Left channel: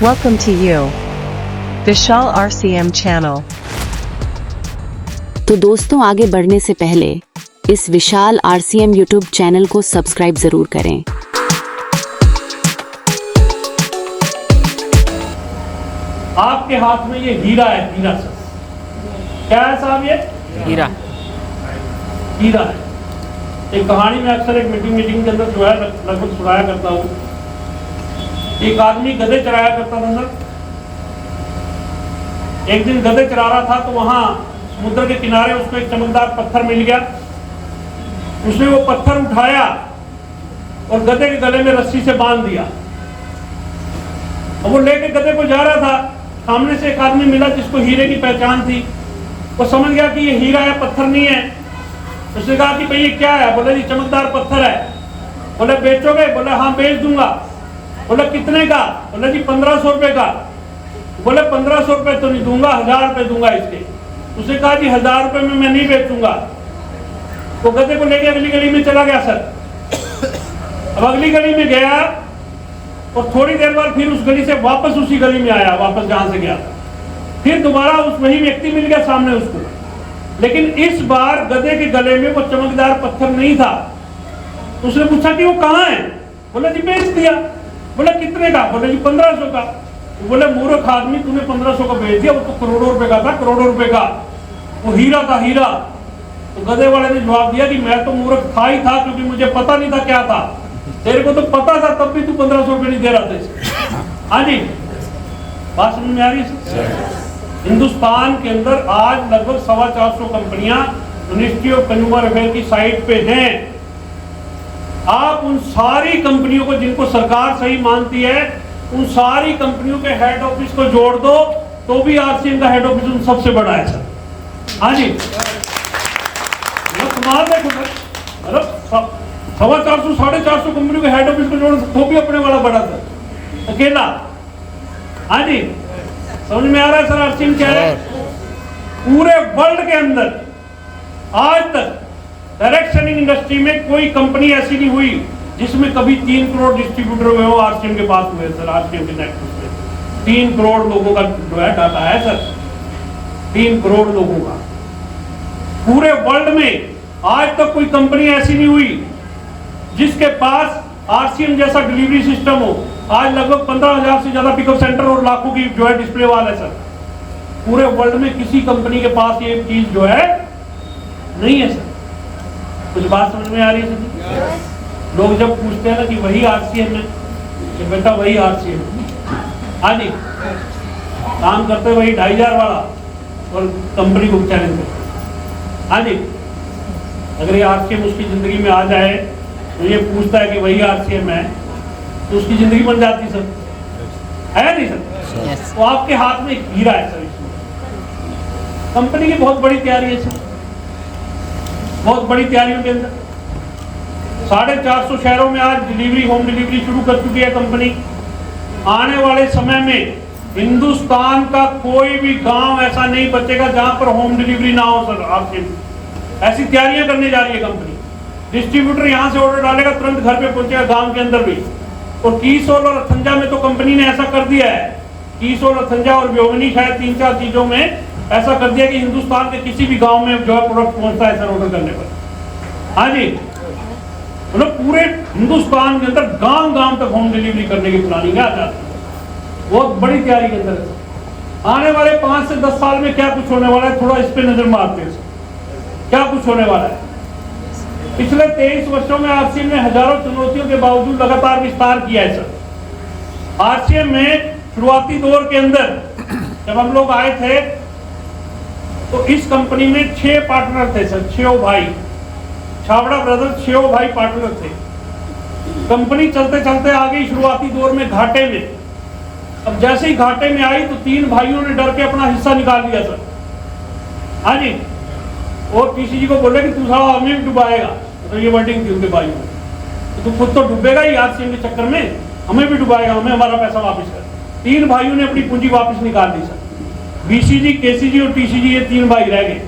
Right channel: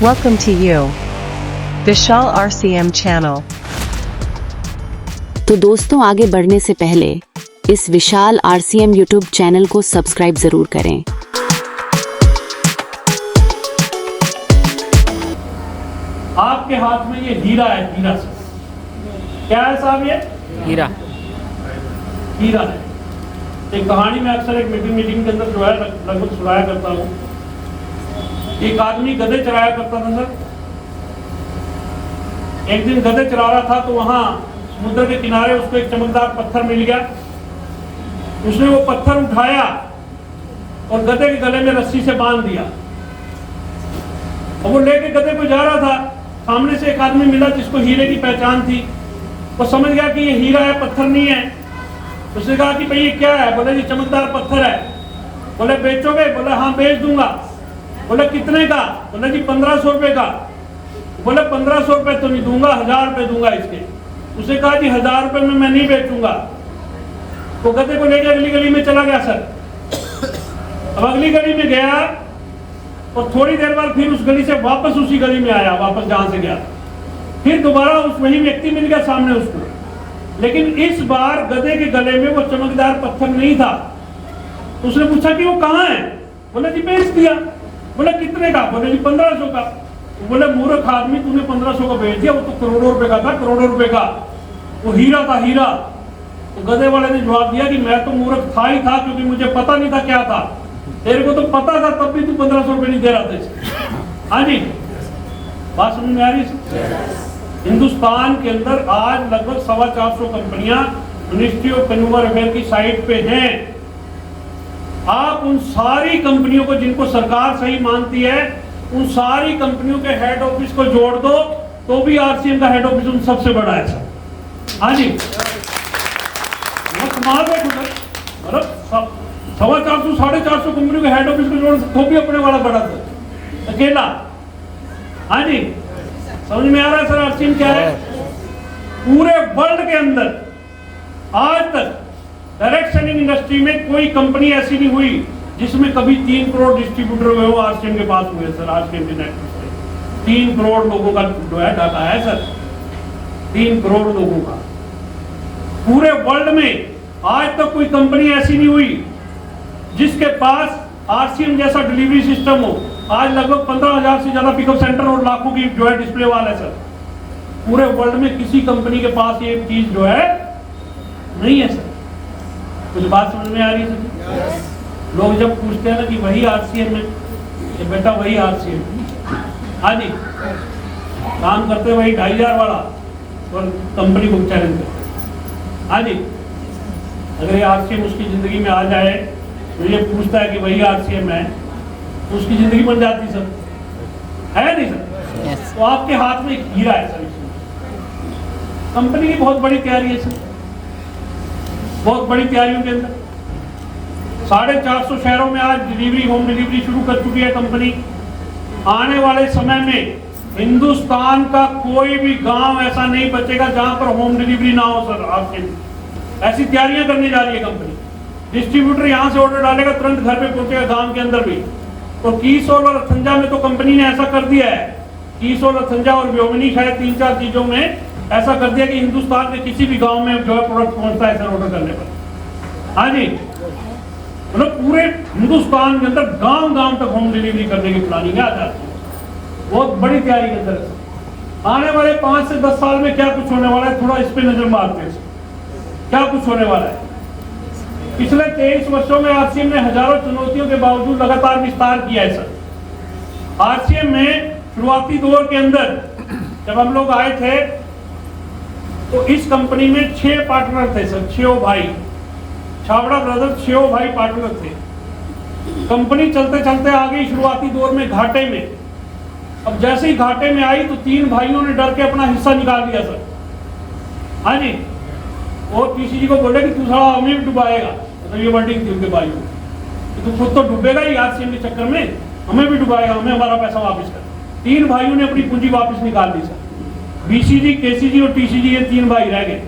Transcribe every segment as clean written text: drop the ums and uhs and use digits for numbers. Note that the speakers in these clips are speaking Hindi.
Welcome to you, Vishal RCM channel. तो दोस्तों, आगे बढ़ने से पहले इस विशाल RCM यूट्यूब चैनल को सब्सक्राइब जरूर करें। आपके हाथ में ये हीरा है, हीरा सर। क्या है साहब ये? हीरा। हीरा है। एक कहानी में अक्सर एक मीटिंग के अंदर जो है लगभग सुनाया करता हूँ। एक आदमी गधे चराया करता था सर। एक दिन गधे चरा रहा था तो वहां समुद्र के किनारे उसको एक चमकदार पत्थर मिल गया। उसने वो पत्थर उठाया और गधे के गले में रस्सी से बांध दिया। अब वो लेके गधे को जा रहा था, सामने से एक आदमी मिला जिसको हीरे की पहचान थी। वो समझ गया कि ये हीरा है, पत्थर नहीं है। उसने कहा कि भाई ये क्या है? बोले जी चमकदार पत्थर है। बोले बेचोगे? बोले हाँ बेच दूंगा। बोले कितने का? बोले जी 1500 रुपए का। बोले 1500 रुपए तो नहीं दूंगा, 1000 रुपए दूंगा इसके। उसने कहा जी 1000 रुपए में मैं नहीं बेचूंगा। तो गधे को लेकर अगली गली में चला गया सर। अब अगली गली में गया और थोड़ी देर बाद फिर उस गली से वापस उसी गली में आया, वापस जहां से गया। फिर दोबारा उस वही व्यक्ति मिल गया सामने उसको, लेकिन इस बार गधे के गले में वो चमकदार पत्थर नहीं था। तो उसने पूछा कि वो कहाँ है? बोले जी बेच दिया। बोला कितने का? बोले जी 1500 का। बोले मूर्ख आदमी, तूने 1500 का बेच दिया, वो तो करोड़ों रुपए का था, करोड़ों रुपए का। वो हीरा था, हीरा। तो गधे वाले ने जवाब दिया कि मैं तो मूर्ख था ही था, क्योंकि मुझे पता नहीं था क्या था। तेरे को तो पता था, तब भी तू 1500 रुपए नहीं दे रहा था इसे। हाँ जी, बात समझ में आ रही है? हिंदुस्तान के अंदर आज लगभग 450 कंपनियां मिनिस्ट्री ऑफ कंज्यूमर अफेयर की साइट पे हैं। आप उन सारी कंपनियों को जिनको सरकार सही मानती है, उन सारी कंपनियों के हेड ऑफिस को जोड़ दो तो भी RCM का हेड ऑफिस उन सबसे बड़ा है सर। हाँ जी, कमाल देखो सर, मतलब 450 450 कंपनियों के हेड ऑफिस को जोड़ो तो भी अपने वाला बड़ा था अकेला। हाँ जी, समझ में आ रहा है सर RCM क्या है? पूरे वर्ल्ड के अंदर आज तक डायरेक्ट सेलिंग इंडस्ट्री में कोई कंपनी ऐसी नहीं हुई जिसमें कभी 3 करोड़ डिस्ट्रीब्यूटर हुए हो RCM के पास हुए सर। RCM के नेटवर्क में 3 करोड़ लोगों का जो है डाटा है सर, 3 करोड़ लोगों का पूरे वर्ल्ड में। आज तक कोई कंपनी ऐसी नहीं हुई जिसके पास RCM जैसा डिलीवरी सिस्टम हो। आज लगभग 15,000 से ज्यादा पिकअप सेंटर और लाखों की जो है डिस्प्ले वाल है सर। पूरे वर्ल्ड में किसी कंपनी के पास ये चीज जो है नहीं है सर। कुछ बात समझ में आ रही है सर? लोग जब पूछते हैं ना कि वही RCM है, कि बेटा वही RCM। हाँ जी, काम करते वही 2500 वाला और कंपनी को चैलेंज करते। हाँ जी, अगर ये RCM उसकी जिंदगी में आ जाए तो ये पूछता है कि वही RCM है, तो उसकी जिंदगी बन जाती सर, है नहीं सर? Yes. तो आपके हाथ में एक हीरा है सर। कंपनी की बहुत बड़ी तैयारी है सर, बहुत बड़ी तैयारियों के अंदर 450 शहरों में आज डिलीवरी, होम डिलीवरी शुरू कर चुकी है कंपनी। आने वाले समय में हिंदुस्तान का कोई भी गांव ऐसा नहीं बचेगा जहां पर होम डिलीवरी ना हो सर। आपके ऐसी तैयारियां करने जा रही है कंपनी। डिस्ट्रीब्यूटर यहां से ऑर्डर डालेगा, तुरंत घर पे पहुंचेगा गांव के अंदर भी। और कीसोल और अथंजा में तो कंपनी ने ऐसा कर दिया है, कीसोल, अथंजा और व्योमिनी शायद 3-4 चीजों में ऐसा कर दिया कि हिंदुस्तान के किसी भी गांव में जो है प्रोडक्ट पहुंचता है सर ऑर्डर करने पर। हाँ जी, मतलब पूरे हिंदुस्तान के अंदर गांव तक होम डिलीवरी करने की प्लानिंग है आज। बहुत बड़ी तैयारी के अंदर है। आने वाले 5 से 10 साल में क्या कुछ होने वाला है, थोड़ा इस पे नजर मारते हैं। क्या कुछ होने वाला है? पिछले 23 वर्षों में RCM ने हजारों चुनौतियों के बावजूद लगातार विस्तार किया है सर। RCM में शुरुआती दौर के अंदर जब हम लोग आए थे तो इस कंपनी में 6 पार्टनर थे सर, 6 भाई, छाबड़ा ब्रदर्स 6 भाई पार्टनर थे। कंपनी चलते चलते आ गई शुरुआती दौर में घाटे में। अब जैसे ही घाटे में आई तो 3 भाइयों ने डर के अपना हिस्सा निकाल दिया सर। हाँ जी, और TCG को बोले कि तू साला हमें भी डुबाएगा। तो ये वर्डिंग थी उनके भाइयों की, तू खुद तो डूबेगा ही RCM के चक्कर में, हमें भी डुबाएगा, हमें हमारा पैसा वापस कर। 3 भाइयों ने अपनी पूंजी वापस निकाल दी सर। BCG, KCG और TCG, ये 3 भाई रह गए।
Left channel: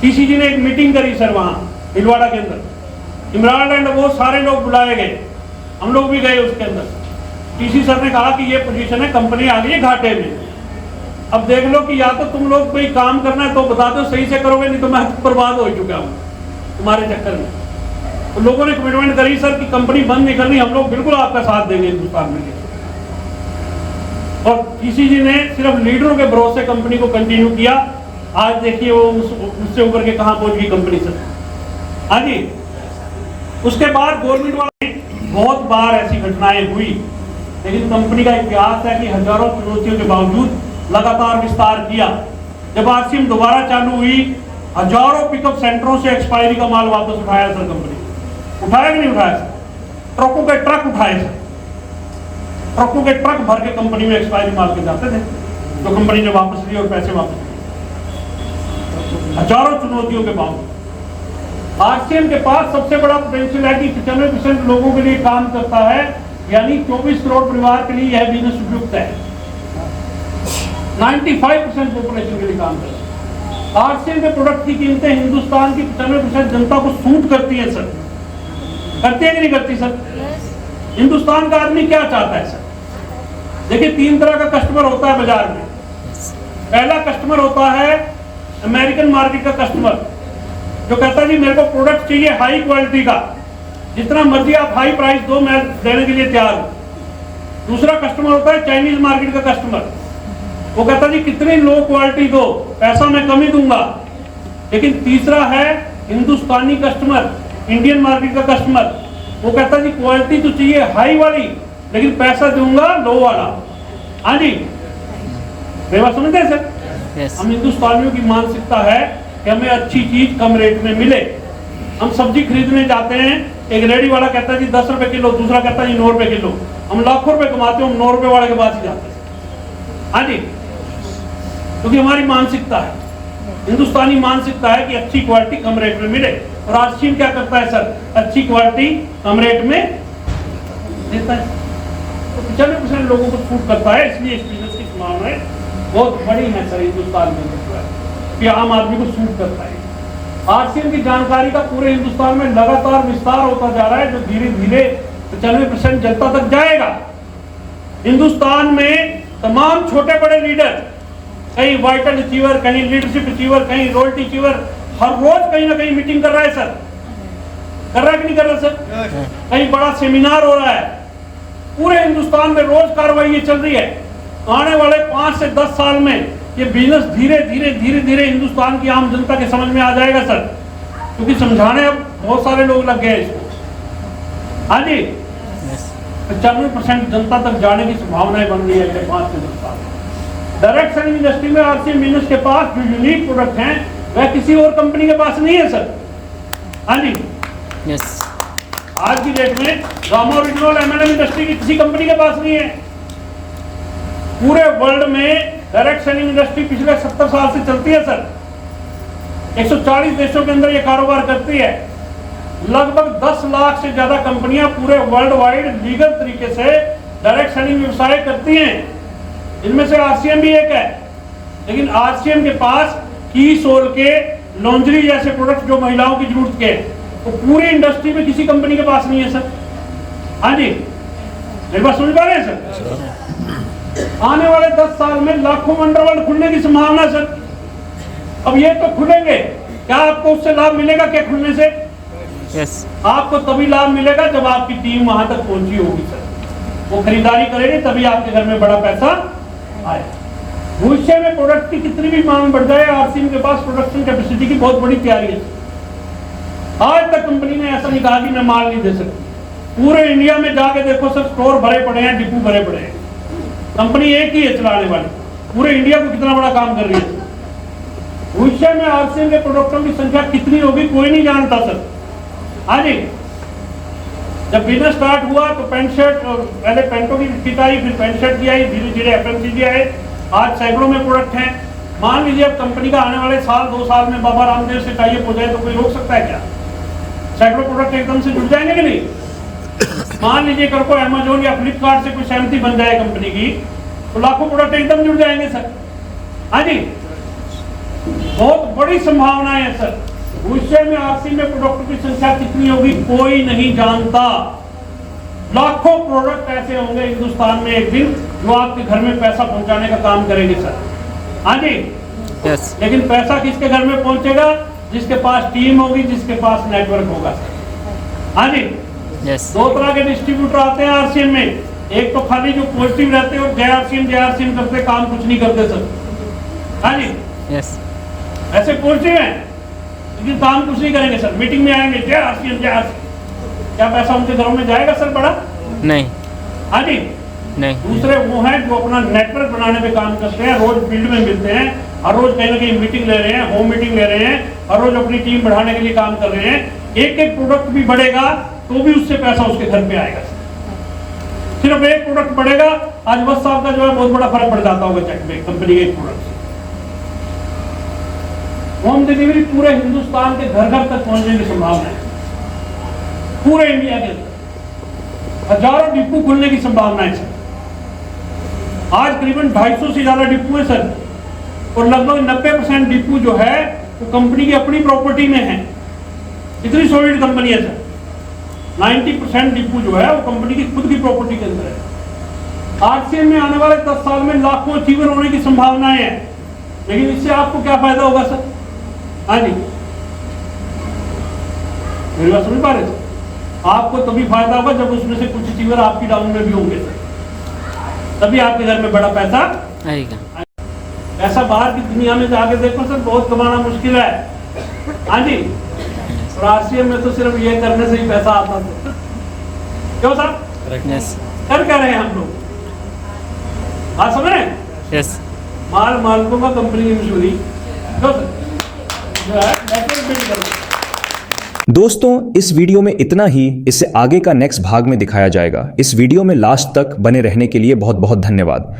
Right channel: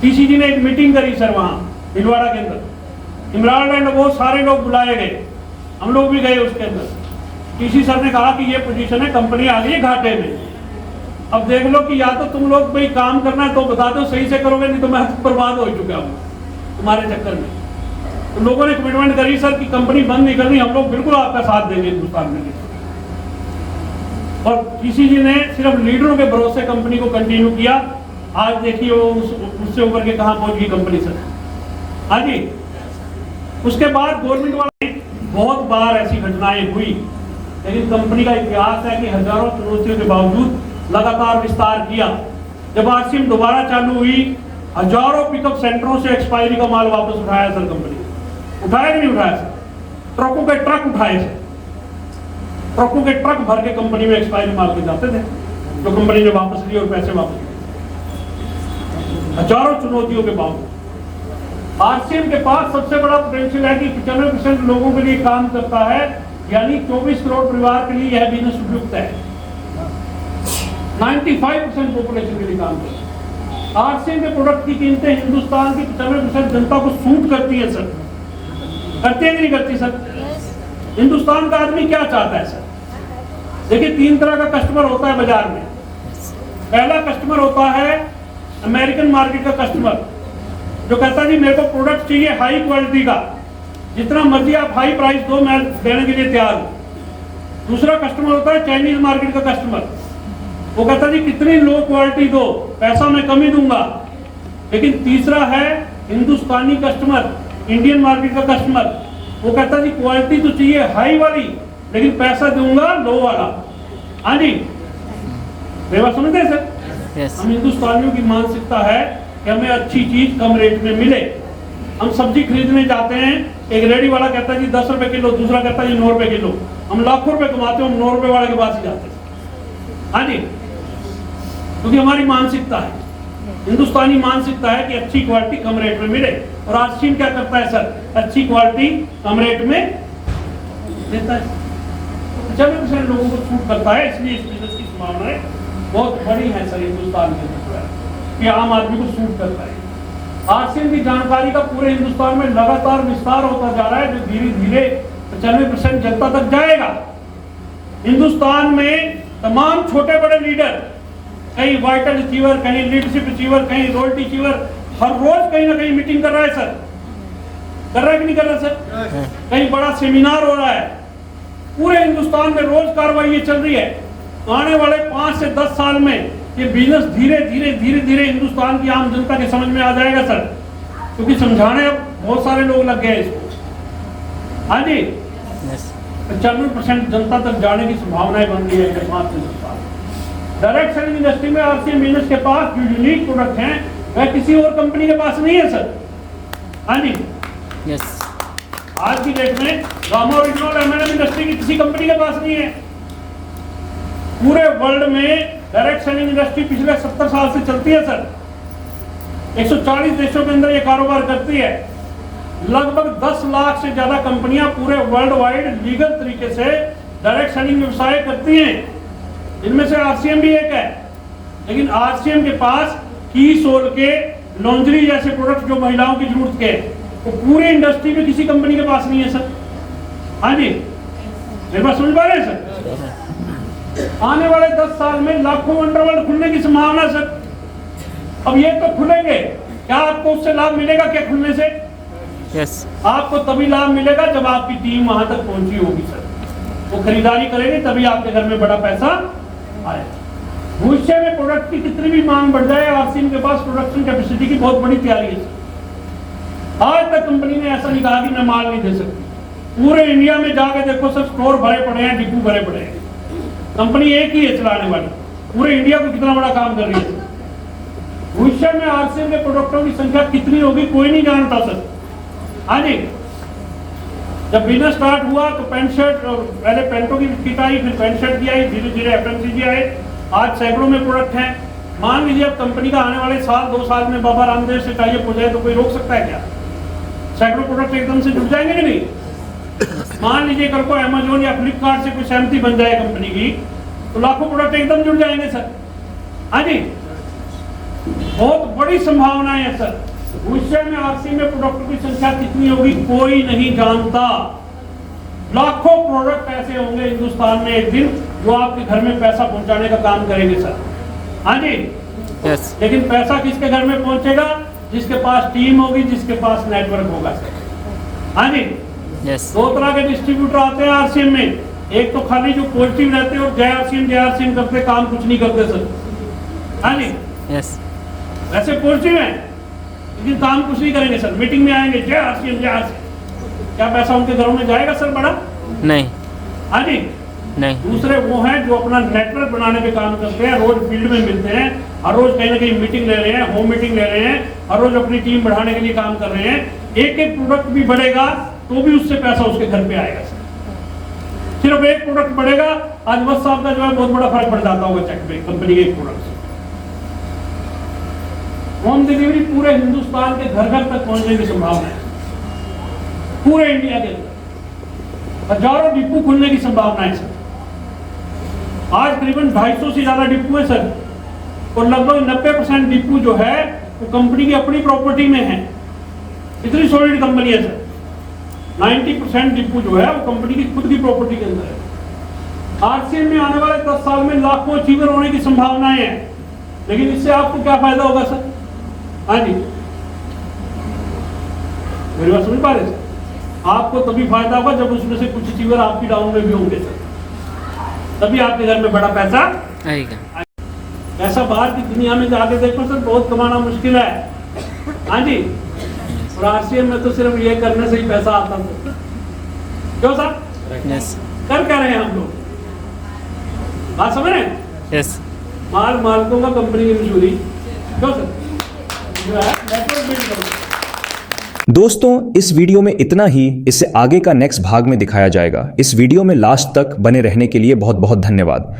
TCG ने एक मीटिंग करी सर वहां भिलवाड़ा के अंदर, इमरान एंड वो सारे लोग बुलाए गए, हम लोग भी गए उसके अंदर। किसी सर ने कहा कि ये पोजीशन है, कंपनी आ गई है घाटे में। अब देख लो कि या तो तुम लोग कोई काम करना है तो बता दो, सही से करोगे, नहीं तो मैं बर्बाद हो चुका हूँ तुम्हारे चक्कर में। तो लोगों ने कमिटमेंट करी सर कि कंपनी बंद नहीं करनी, हम लोग बिल्कुल आपका साथ देंगे हिंदुस्तान में। और किसी जी ने सिर्फ लीडरों के भरोसे कंपनी को कंटिन्यू किया। आज देखिए वो उससे ऊपर के कहां पहुंच गई कंपनी सर। हाँ जी, उसके बाद गवर्नमेंट वाले बहुत बार ऐसी घटनाएं हुई, लेकिन कंपनी का इतिहास है कि हजारों चुनौतियों के बावजूद लगातार विस्तार किया। जब आरसीएम दोबारा चालू हुई, हजारों पिकअप सेंटरों से एक्सपायरी का माल वापस उठाया सर कंपनी। उठाया कि नहीं उठाया सर? ट्रकों के ट्रक उठाए सर, ट्रकों के ट्रक भर के कंपनी में एक्सपायरी माल के जाते थे, जो कंपनी ने वापस लिए और पैसे वापस लिए। हजारों चुनौतियों के बावजूद आरसीएम के पास सबसे बड़ा पोटेंशियल है कि 95% लोगों के लिए काम करता है, यानी 24 करोड़ परिवार के लिए यह बिजनेस उपयुक्त है। 95% पॉपुलेशन के लिए काम करता है। आरसीएम के प्रोडक्ट की कीमतें हिंदुस्तान की 95% जनता को सूट करती है सर। करती है कि नहीं करती सर? हिंदुस्तान का आदमी क्या चाहता है सर? देखिए, 3 तरह का कस्टमर होता है बाजार में। पहला कस्टमर होता है अमेरिकन मार्केट का कस्टमर, जो कहता है जी मेरे को प्रोडक्ट चाहिए हाई क्वालिटी का, जितना मर्जी आप हाई प्राइस दो, मैं देने के लिए तैयार हूं। दूसरा कस्टमर होता है चाइनीज मार्केट का कस्टमर, वो कहता है जी कितनी लो क्वालिटी दो, पैसा मैं कम ही दूंगा। लेकिन तीसरा है हिंदुस्तानी कस्टमर, इंडियन मार्केट का कस्टमर, वो कहता है जी क्वालिटी तो चाहिए हाई वाली, लेकिन पैसा दूंगा लो वाला। हाँ जी, मेरी बात समझते हैं सर? हम हिंदुस्तानियों की मानसिकता है कि हमें अच्छी चीज कम रेट में मिले। हम सब्जी खरीदने जाते हैं, एक रेडी वाला कहता है जी 10 रुपए किलो, दूसरा कहता है जी 9 रुपए किलो। हम लाखों रुपए कमाते हैं, हम 9 रुपए वाले के पास ही जाते हैं। हाँ जी, क्योंकि हमारी मानसिकता है, हिंदुस्तानी मानसिकता है कि अच्छी क्वालिटी कम रेट में मिले। राष्ट्रीय क्या करता है सर? अच्छी क्वालिटी कम रेट में देता है। 95% लोगों को छूट करता है, इसलिए इस बिजनेस की संभावनाएं बहुत बड़ी है सर हिंदुस्तान में, कि आम आदमी को सूट करता है। आरसीएम की जानकारी का पूरे हिंदुस्तान में लगातार विस्तार होता जा रहा है, जो धीरे धीरे 95% जनता तक जाएगा। हिंदुस्तान में तमाम छोटे बड़े लीडर, कहीं वाइटल अचीवर, कहीं लीडरशिप अचीवर, कहीं रॉयल्टी अचीवर, हर रोज कहीं ना कहीं मीटिंग कर रहा है सर। कर रहा है कि नहीं कर रहा सर? कहीं बड़ा सेमिनार हो रहा है, पूरे हिंदुस्तान में रोज कार्रवाई चल रही है। आने वाले 5 से 10 साल में ये बिजनेस धीरे धीरे हिंदुस्तान की आम जनता के समझ में आ जाएगा सर, क्योंकि समझाने अब बहुत सारे लोग लग गए इसको। हाँ जी, 95% जनता तक जाने की संभावनाएं बन रही है 5 से 10 साल। डायरेक्ट सेलिंग इंडस्ट्री में आरसीएम बिजनेस के पास जो यूनिक प्रोडक्ट हैं, वह किसी और कंपनी के पास नहीं है सर। हाँ जी, आज की डेट में रामा और एमएनएम इंडस्ट्री की किसी कंपनी के पास नहीं है। पूरे वर्ल्ड में डायरेक्ट सेलिंग इंडस्ट्री पिछले 70 साल से चलती है सर। 140 देशों के अंदर ये कारोबार करती है। लगभग 10 लाख से ज्यादा कंपनियां पूरे वर्ल्ड वाइड लीगल तरीके से डायरेक्ट सेलिंग व्यवसाय करती हैं। इनमें से आरसीएम भी एक है, लेकिन आरसीएम के पास की सोल के लॉन्ड्री जैसे प्रोडक्ट जो महिलाओं की जरूरत के, तो पूरी इंडस्ट्री में किसी कंपनी के पास नहीं है सर। हाँ जी, मेरी बात समझ पा रहे हैं सर? आने वाले 10 साल में लाखों अंडरवर्ल्ड खुलने की संभावना है सर। अब ये तो खुलेंगे, क्या आपको उससे लाभ मिलेगा क्या खुलने से? आपको तभी लाभ मिलेगा जब आपकी टीम वहां तक पहुंची होगी सर। वो खरीदारी करेगी तभी आपके घर में बड़ा पैसा आए। भविष्य में प्रोडक्ट की कितनी भी मांग बढ़ जाए, आरसीएम के पास प्रोडक्शन कैपेसिटी की बहुत बड़ी तैयारी है। आज तक कंपनी ने ऐसा नहीं कहा कि मैं माल नहीं दे सकती। पूरे इंडिया में जाके देखो सर, स्टोर भरे पड़े हैं, डिपो भरे पड़े हैं। कंपनी एक ही है चलाने वाली, पूरे इंडिया को कितना बड़ा काम कर रही है। भविष्य में आरसीएम के प्रोडक्टों की संख्या कितनी होगी कोई नहीं जानता सर। हाँ जी, जब बिजनेस स्टार्ट हुआ तो पैंट शर्ट, पहले पैंटों की किट आई, फिर पैंट शर्ट की आई, धीरे धीरे एफएमसीजी आए, आज सैकड़ों में प्रोडक्ट हैं। मान लीजिए अब कंपनी का आने वाले साल 2 साल में बाबा रामदेव से टाइप हो जाए तो कोई रोक सकता है क्या? सैकड़ों प्रोडक्ट एकदम से जुड़ जाएंगे कि नहीं? मान लीजिए कल को अमेजोन या फ्लिपकार्ट से कोई सहमति बन जाए कंपनी की, तो लाखों प्रोडक्ट एकदम जुड़ जाएंगे सर। हाँ जी, बहुत बड़ी संभावना है सर। भविष्य में आरसीएम में प्रोडक्टों की संख्या कितनी होगी कोई नहीं जानता। लाखों प्रोडक्ट ऐसे होंगे हिंदुस्तान में एक दिन जो आपके घर में पैसा पहुंचाने का काम करेंगे सर। हाँ जी, यस, लेकिन पैसा किसके घर में पहुंचेगा? जिसके पास टीम होगी, जिसके पास नेटवर्क होगा सर। हाँ जी, यस, दो तरह के डिस्ट्रीब्यूटर आते हैं आरसीएम में, एक तो खाली जो पॉजिटिव रहते हैं और जय आरसीएम करते, काम कुछ नहीं करते सर। हाँ जी, यस, ऐसे पॉजिटिव हैं लेकिन काम कुछ नहीं करेंगे सर। मीटिंग में आएंगे जय आरसीएम, क्या पैसा उनके घरों में जाएगा सर बड़ा? नहीं, हाँ जी। नहीं, दूसरे वो हैं जो अपना नेटवर्क बनाने पे काम करते हैं, रोज फील्ड में मिलते हैं, हर रोज कहीं ना कहीं मीटिंग ले रहे हैं, होम मीटिंग ले रहे हैं, हर रोज अपनी टीम बढ़ाने के लिए काम कर रहे हैं। एक एक प्रोडक्ट भी बढ़ेगा तो भी उससे पैसा उसके घर पे आएगा सर। सिर्फ एक प्रोडक्ट बढ़ेगा, आज बस साहब का जो है बहुत बड़ा फर्क पड़ जाता होगा चेक में कंपनी के एक प्रोडक्ट से। होम डिलीवरी पूरे हिंदुस्तान के घर घर तक पहुंचने की संभावना है, पूरे इंडिया के अंदर हजारों डिपो खुलने की संभावना है सर। आज करीबन 250 से ज्यादा डिपो है सर, और लगभग 90% डिपो जो है वो कंपनी की अपनी प्रॉपर्टी में है। इतनी सॉलिड कंपनी है सर। 90% डिपो जो है वो कंपनी की खुद की प्रॉपर्टी के अंदर है। आरसीएम में आने वाले 10 साल में लाखों अचीवर होने की संभावनाएं हैं, लेकिन इससे आपको क्या फायदा होगा सर? हाँ जी, मेरी बात समझ पा रहे सर? आपको तभी फायदा होगा जब उसमें से कुछ अचीवर आपकी डाउन में भी होंगे सर, तभी आपके घर में बड़ा पैसा आएगा। ऐसा बाहर की दुनिया में जाके देखो सर, बहुत कमाना मुश्किल है। हाँ जी, और आरसीएम में तो सिर्फ ये करने से ही पैसा आता था। क्यों सर? यस, कर क्या रहे हैं हम लोग? बात समझ रहे हैं? यस, मालकों का कंपनी की मशहूरी। क्यों सर? जो है नेटवर्क बिल्ड करो। दोस्तों, इस वीडियो में इतना ही। इससे आगे का नेक्स्ट भाग में दिखाया जाएगा। इस वीडियो में लास्ट तक बने रहने के लिए बहुत बहुत धन्यवाद।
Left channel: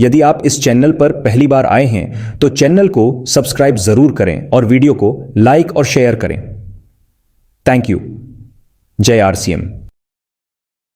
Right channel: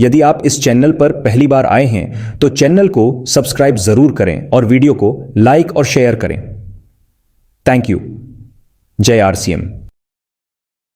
यदि आप इस चैनल पर पहली बार आए हैं तो चैनल को सब्सक्राइब जरूर करें और वीडियो को लाइक और शेयर करें। Thank you. जय आरसीएम।